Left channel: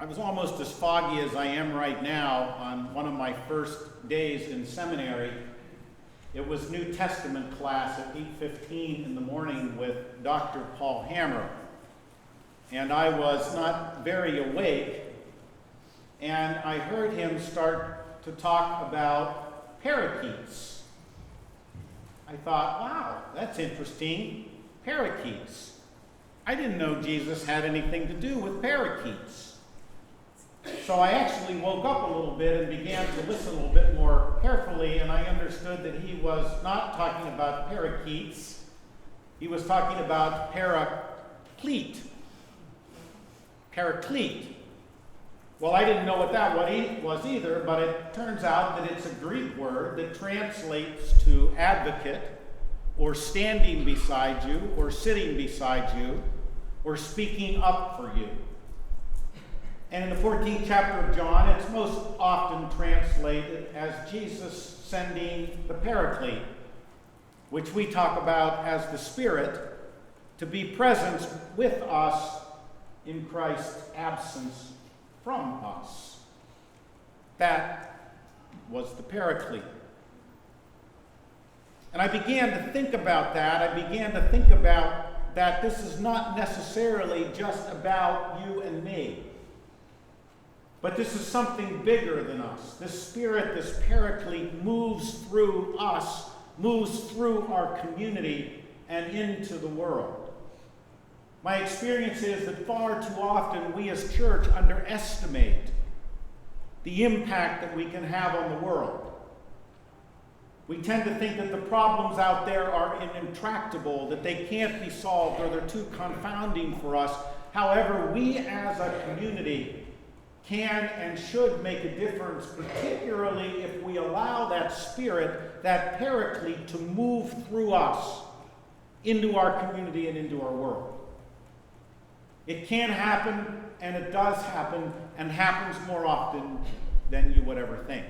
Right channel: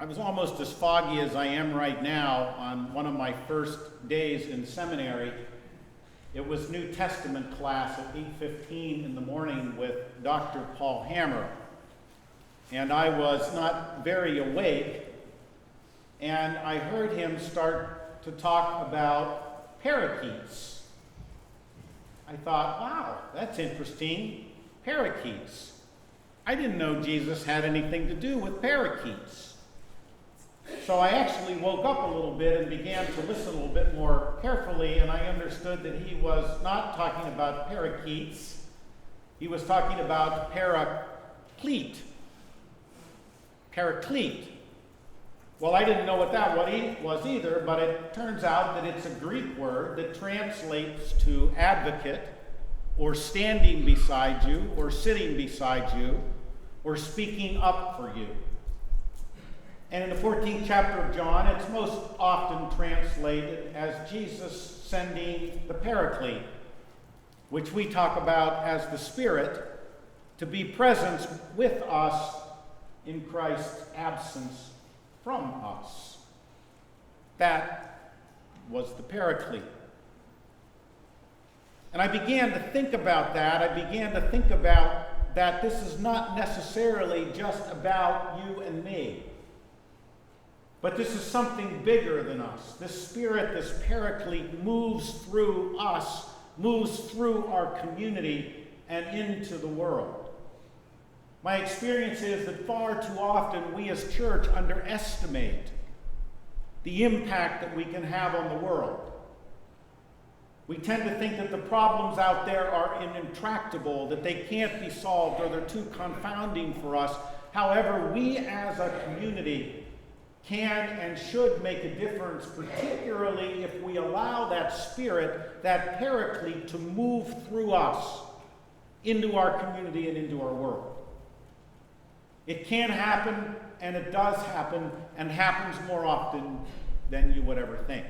I was almost as foggy as I am right now on one of my first days in seminary. It was New Testament class at 8:15 in the morning with Dr. Paul Hammer. And I was not very awake, and I heard him start to talk about parakeets. I thought, wow, that's interesting. Parakeets. I didn't know Jesus had anything to do with parakeets. So I actually woke up a little bit and began to listen a little bit more carefully, and I understood that he was not talking about parakeets. He was talking about paraclete. Paraclete. Well, I didn't know what that was either, but it turns out that it's a Greek word that translates to advocate, or standing beside you, or sitting beside you, or speaking up for you. And in the 14th chapter of John, it's most often translated as Jesus sending the Paraclete, which we talk about as the Spirit, to be present with us in Christ's absence from us. That was the Paraclete. And I began to think about that. I began to think about that this is not necessarily just about you and me. But this is something bigger than us. This Spirit, this Paraclete, moves through us, moves through our community and into the world. My experience is that far too often we as church underestimate the impact that we can have on the world. We tend to think that the problems out there are intractable, that they can't be solved, or they're too confounding for us. However, we as a community can and should make a difference, particularly if we allow that Spirit, that Paraclete, to move through us into our community and into our world. It can happen, and it does happen, and happens more often than you would ever think.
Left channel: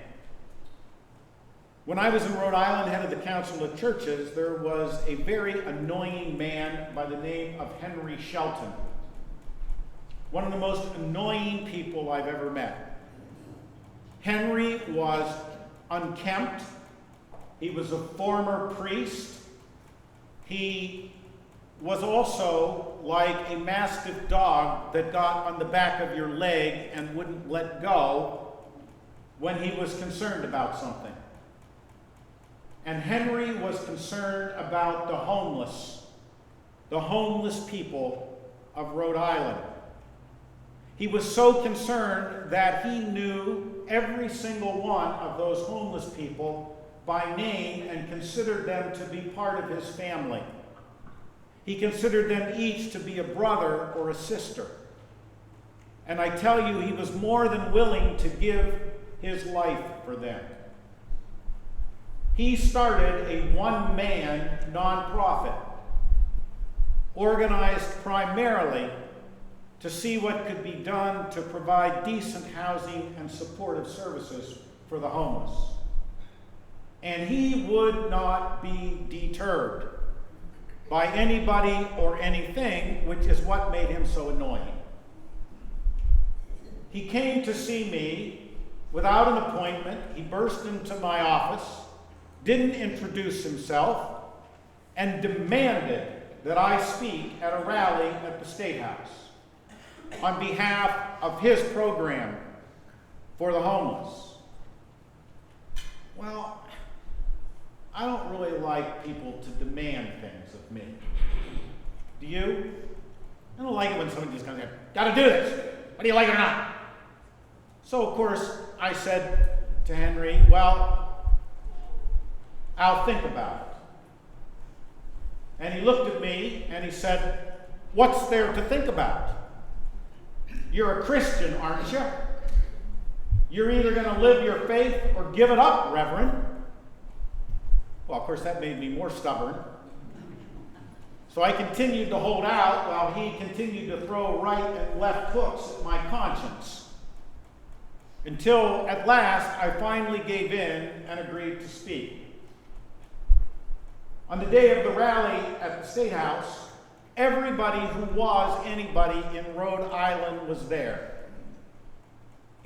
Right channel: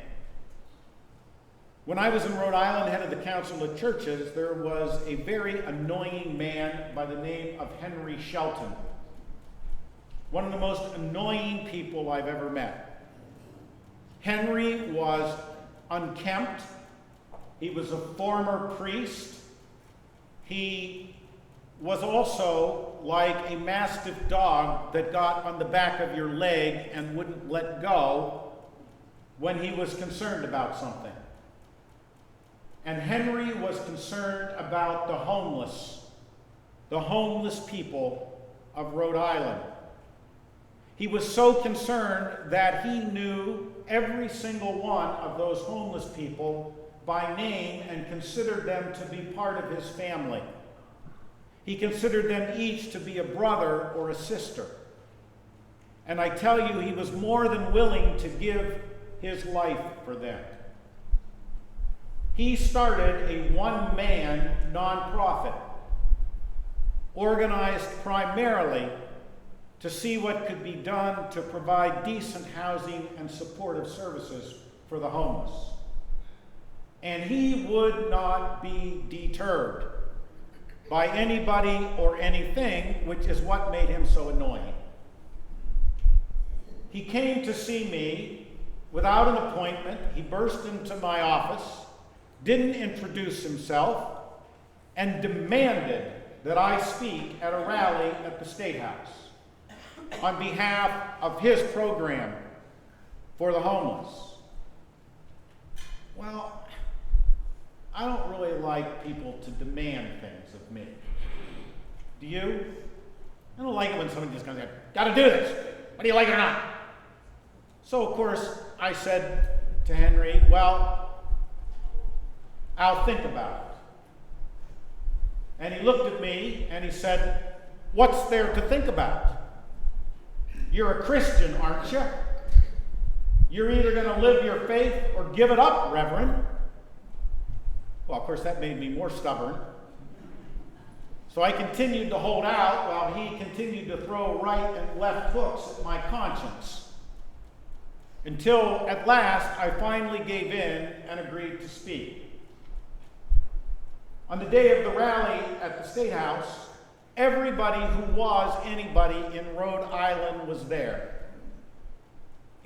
When I was in Rhode Island, head of the Council of Churches, there was a very annoying man by the name of Henry Shelton. One of the most annoying people I've ever met. Henry was unkempt. He was a former priest. He was also like a mastiff dog that got on the back of your leg and wouldn't let go when he was concerned about something. And Henry was concerned about the homeless people of Rhode Island. He was so concerned that he knew every single one of those homeless people by name and considered them to be part of his family. He considered them each to be a brother or a sister. And I tell you, he was more than willing to give his life for them. He started a one-man nonprofit, organized primarily to see what could be done to provide decent housing and supportive services for the homeless. And he would not be deterred by anybody or anything, which is what made him so annoying. He came to see me without an appointment. He burst into my office, didn't introduce himself, and demanded that I speak at a rally at the State House on behalf of his program for the homeless. Well, I don't really like people to demand things of me. Do you? I don't like it when somebody just comes in, gotta do this, whether you like it or not. So, of course, I said to Henry, well, I'll think about it. And he looked at me and he said, what's there to think about? You're a Christian, aren't you? You're either going to live your faith or give it up, Reverend. Well, of course, that made me more stubborn. So I continued to hold out while he continued to throw right and left hooks at my conscience. Until, at last, I finally gave in and agreed to speak. On the day of the rally at the State House, everybody who was anybody in Rhode Island was there.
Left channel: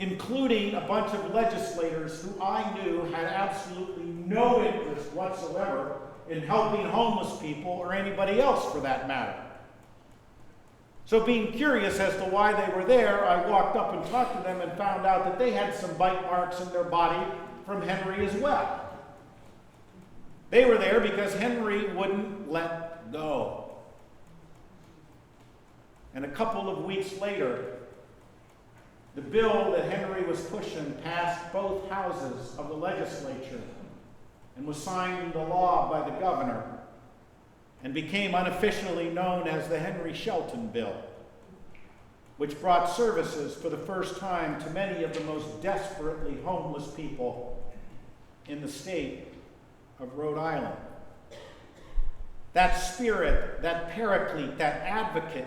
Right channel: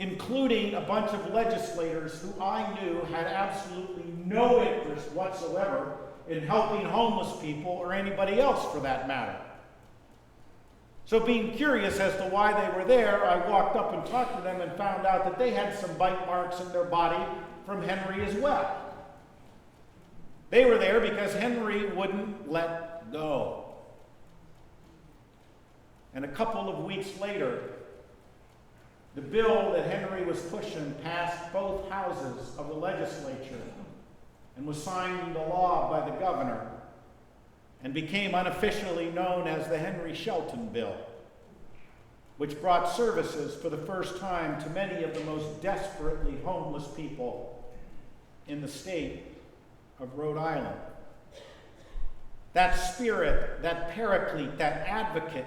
including a bunch of legislators who I knew had absolutely no interest whatsoever in helping homeless people or anybody else for that matter. So being curious as to why they were there, I walked up and talked to them and found out that they had some bite marks in their body from Henry as well. They were there because Henry wouldn't let go. And a couple of weeks later, the bill that Henry was pushing passed both houses of the legislature and was signed into law by the governor and became unofficially known as the Henry Shelton Bill, which brought services for the first time to many of the most desperately homeless people in the state of Rhode Island. That spirit, that paraclete, that advocate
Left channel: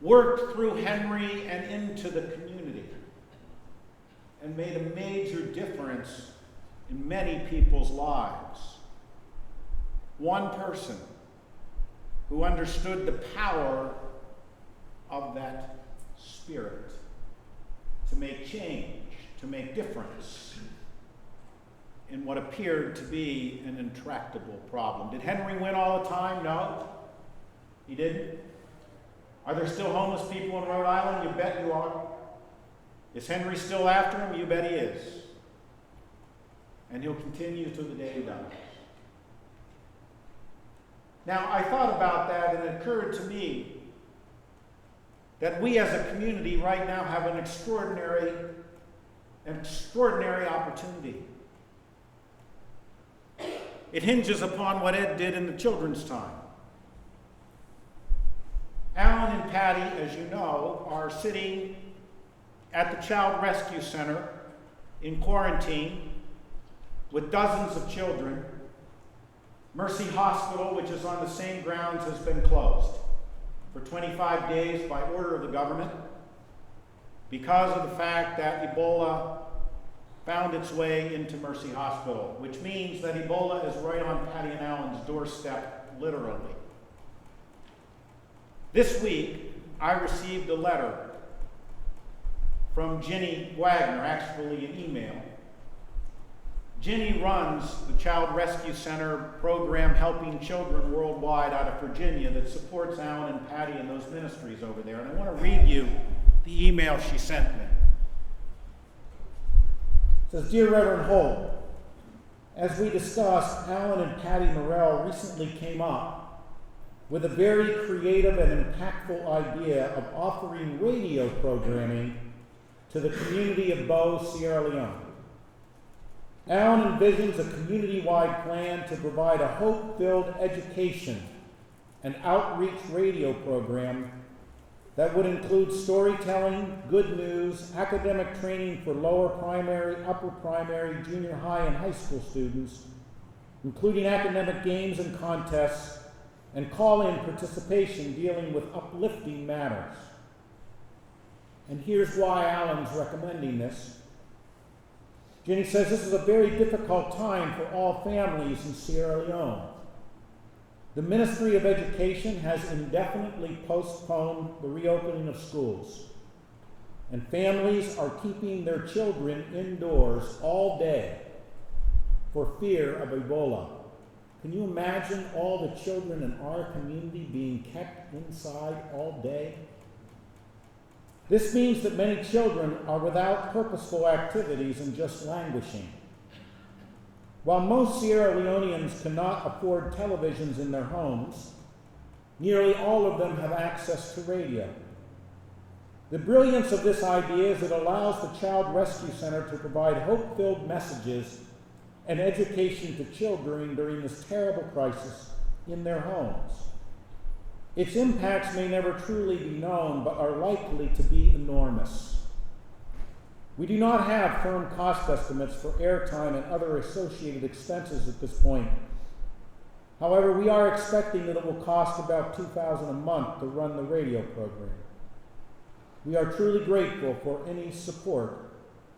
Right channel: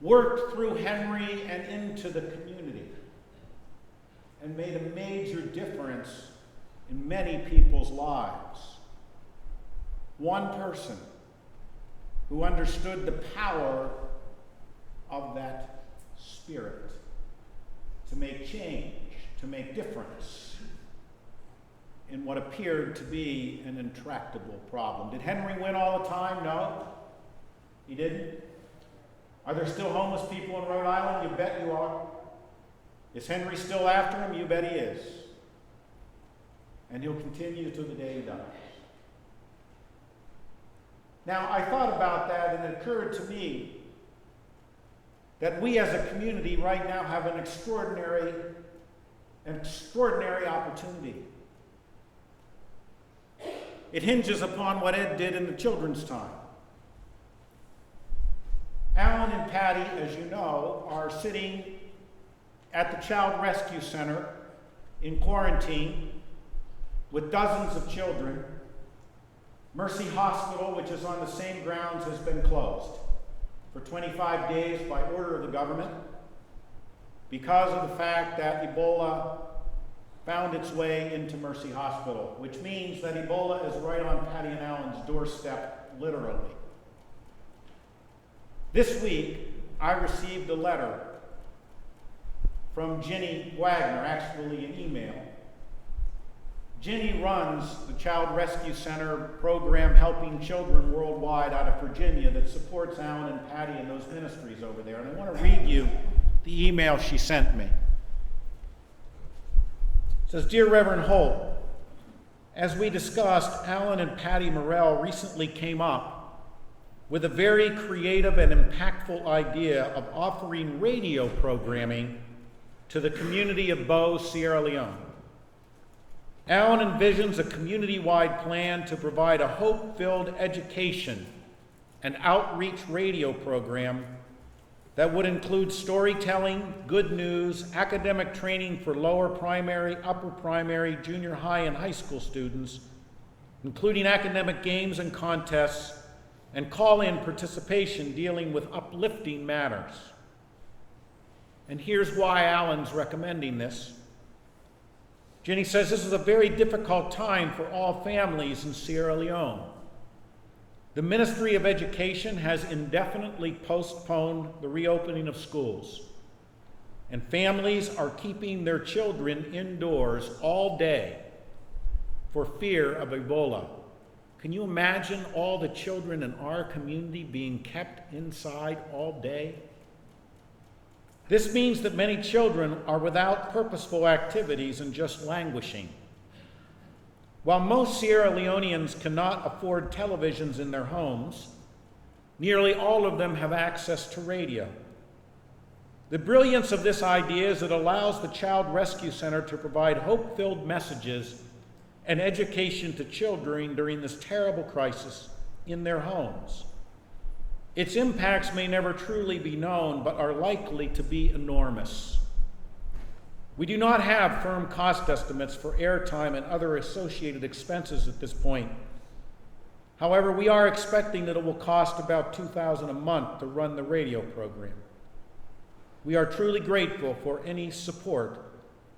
worked through Henry and into the community and made a major difference in many people's lives. One person who understood the power of that spirit to make change, to make difference in what appeared to be an intractable problem. Did Henry win all the time? No, he didn't. Are there still homeless people in Rhode Island? You bet you are. Is Henry still after him? You bet he is. And he'll continue to the day he dies. Now, I thought about that, and it occurred to me that we as a community right now have an extraordinary opportunity. It hinges upon what Ed did in the children's time. Alan and Patty, as you know, are sitting at the Child Rescue Center in quarantine with dozens of children. Mercy Hospital, which is on the same grounds, has been closed for 25 days by order of the government because of the fact that Ebola found its way into Mercy Hospital, which means that Ebola is right on Patty and Alan's doorstep, literally. This week, I received a letter from Ginny Wagner, actually an email. Ginny runs the Child Rescue Center program helping children worldwide out of Virginia that supports Alan and Patty and those ministries over there. And I want to read you the email she sent me. It says, Dear Reverend Holt, as we discussed, Alan and Patty Morrell recently came up with a very creative and impactful idea of offering radio programming to the community of Bo, Sierra Leone. Alan envisions a community-wide plan to provide a hope-filled education and outreach radio program that would include storytelling, good news, academic training for lower primary, upper primary, junior high, and high school students, including academic games and contests, and call-in participation dealing with uplifting matters. And here's why Alan's recommending this. Jenny says this is a very difficult time for all families in Sierra Leone. The Ministry of Education has indefinitely postponed the reopening of schools, and families are keeping their children indoors all day for fear of Ebola. Can you imagine all the children in our community being kept inside all day? This means that many children are without purposeful activities and just languishing. While most Sierra Leoneans cannot afford televisions in their homes, nearly all of them have access to radio. The brilliance of this idea is it allows the Child Rescue Center to provide hope-filled messages and education to children during this terrible crisis in their homes. Its impacts may never truly be known, but are likely to be enormous. We do not have firm cost estimates for airtime and other associated expenses at this point. However, we are expecting that it will cost about $2,000 a month to run the radio program. We are truly grateful for any support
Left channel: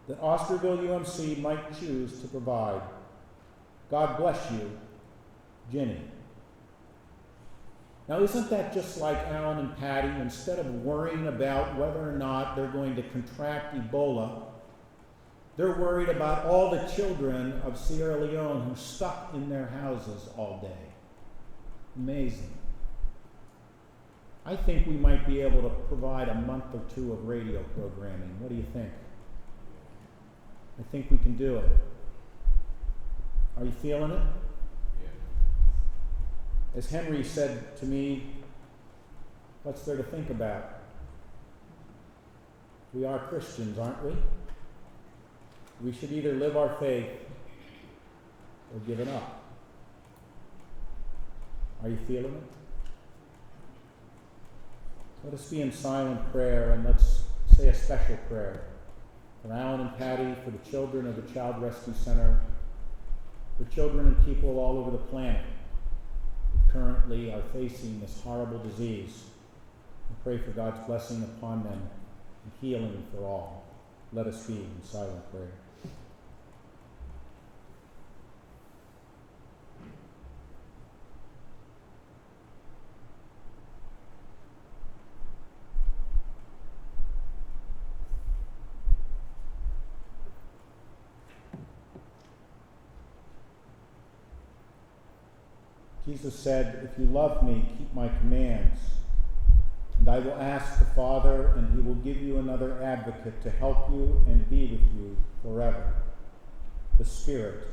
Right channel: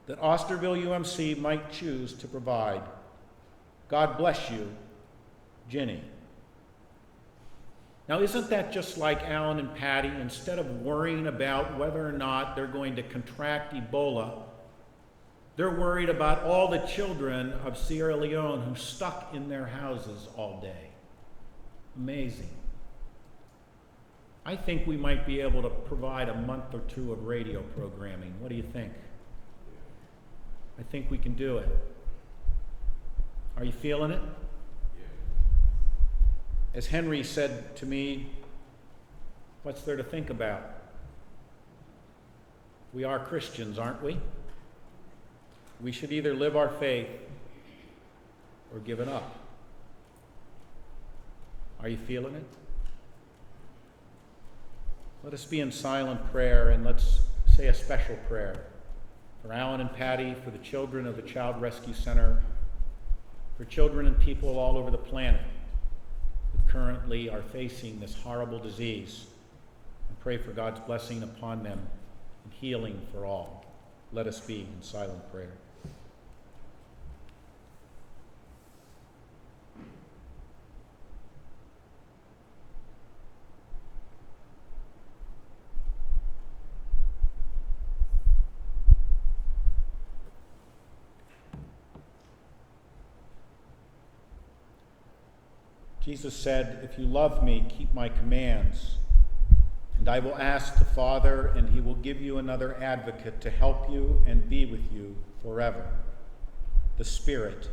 that Osterville UMC might choose to provide. God bless you, Ginny. Now, isn't that just like Alan and Patty? Instead of worrying about whether or not they're going to contract Ebola, they're worried about all the children of Sierra Leone who stuck in their houses all day. Amazing. I think we might be able to provide a month or two of radio programming. What do you think? I think we can do it. Are you feeling it? As Henry said to me, what's there to think about? We are Christians, aren't we? We should either live our faith or give it up. Are you feeling it? Let us be in silent prayer, and let's say a special prayer for Alan and Patty, for the children of the Child Rescue Center, for children and people all over the planet who currently are facing this horrible disease. And pray for God's blessing upon them and healing for all. Let us be in silent prayer. Jesus said, "If you love me, keep my commands. And I will ask the Father, and he will give you another advocate to help you and be with you forever, the Spirit